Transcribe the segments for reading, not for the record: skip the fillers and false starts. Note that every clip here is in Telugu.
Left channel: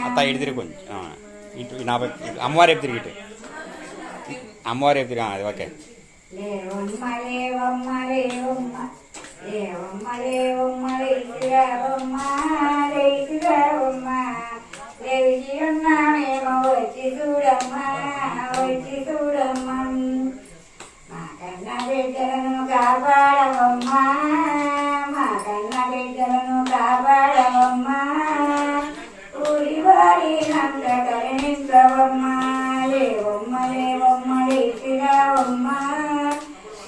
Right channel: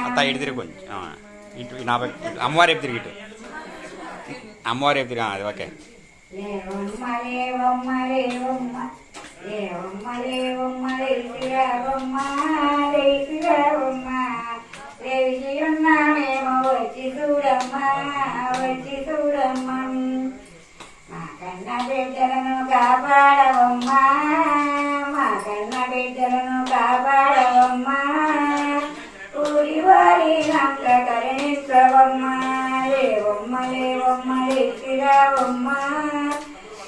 అత్త ఇటు తిరుగుంది నా అమ్మవారి వైపు తిరిగి అమ్మవారి వైపు తిరిగి అది ఓకే. వచ్చి చూడమ్మా వచ్చి చూడమ్మా మా కన్న బిడ్డలను కాపాడవమ్మా మా కన్న బిడ్డలను కాపాడవమ్మా ఊరి వారి నంద కరుణించవమ్మా లేవమ్మ లేవమ్మ లేచిరావమ్మా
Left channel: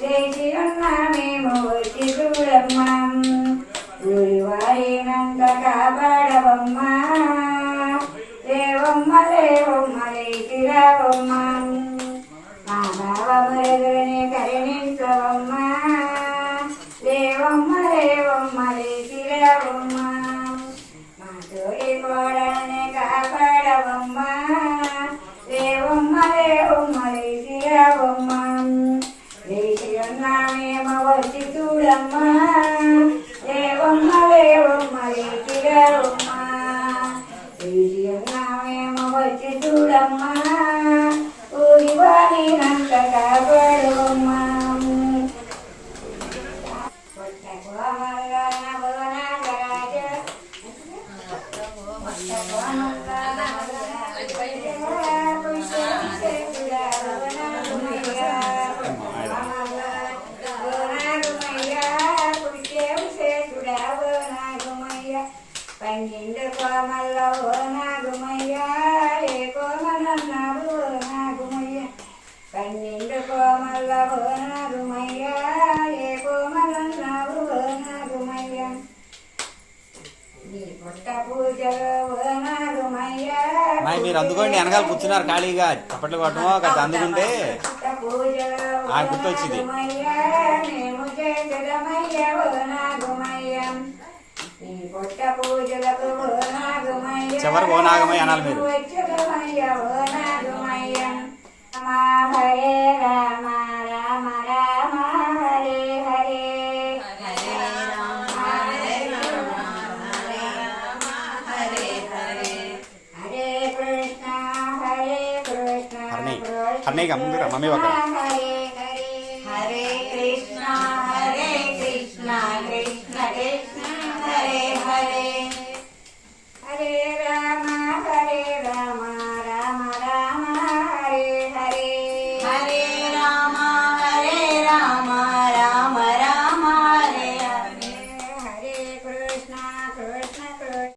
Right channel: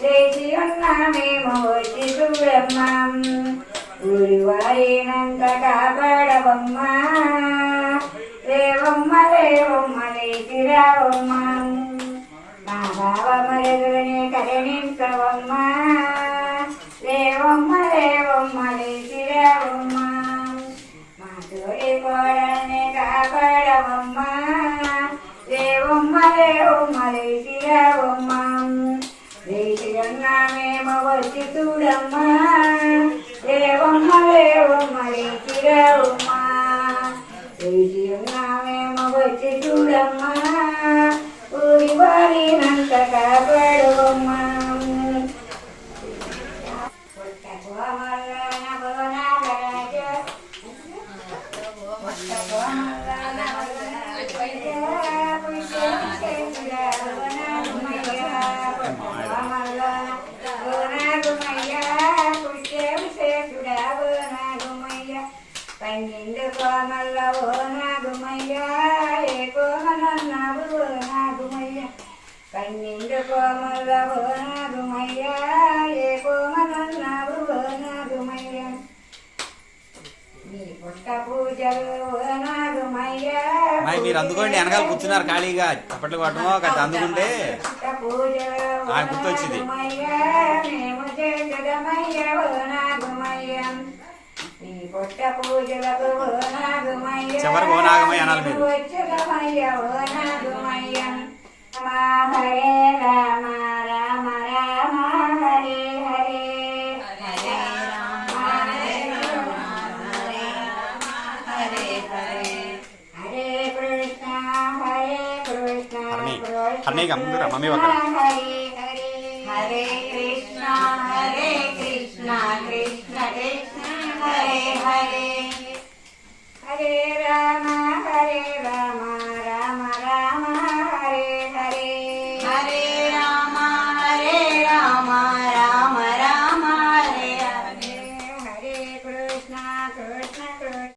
లేచి ఉన్నా మేము వచ్చి చూడమ్మా ఊరి వారి నంద కాపాడవమ్మా లేవమ్మ లేవమ్మ లేచిరావమ్మా మా బావ మరదుని కరుణించవమ్మా లేవమ్మ లేవమ్మ లేచిరావమ్మా మా తోడి కోడల్ని కాపాడవమ్మా లేవమ్మ లేవమ్మ లేచిరావమ్మా లేచి ఉన్నామేమో వచ్చి చూడమ్మా లేవమ్మ లేవమ్మ లేచిరావమ్మా లేచి ఉన్నామేమో వచ్చి చూడమ్మా ఊరి వారి నంత కాపాడవమ్మా పన్నెండు కోమల్ల ఓ నాగుమయ్య ఏ కోమలన్నావు ఓ నాగుమయ్య పన్నెండు కోమల్ల ఓ నాగుమయ్య ఏ కోమలన్నావు ఓ నాగుమయ్య నీ పుట్ట పూజలో ఓ నాగుమయ్య మీరు అందుకోండి వెనకాల కూర్చున్నారు ఖాళీగా చప్పట్లు కొట్టమో అందుకుంటే ఆయన గుర్తొచ్చింది. మేము చేసదమయ్య ఓ నాగుమయ్య నీ పుట్ట పూజలకు ఓ నాగుమయ్య చివరికి ఓ నాగమయ్య అనాలి మీరు. వచ్చదమయ్య ఓ నాగుమయ్య హరే రామ రామ రామ హరే హరే హరే రామ హరే రామ హరే రామ హరే హరే హరే కృష్ణ అన్నయ్య ముందు మమ్మీ ఒక హరే హరే హరే కృష్ణ కృష్ణ కృష్ణ హరే హరే హరే రామ రామ రామ హరే హరే హరే రామ రామ రామ రామ హరే హరే హరే కృష్ణ కృష్ణ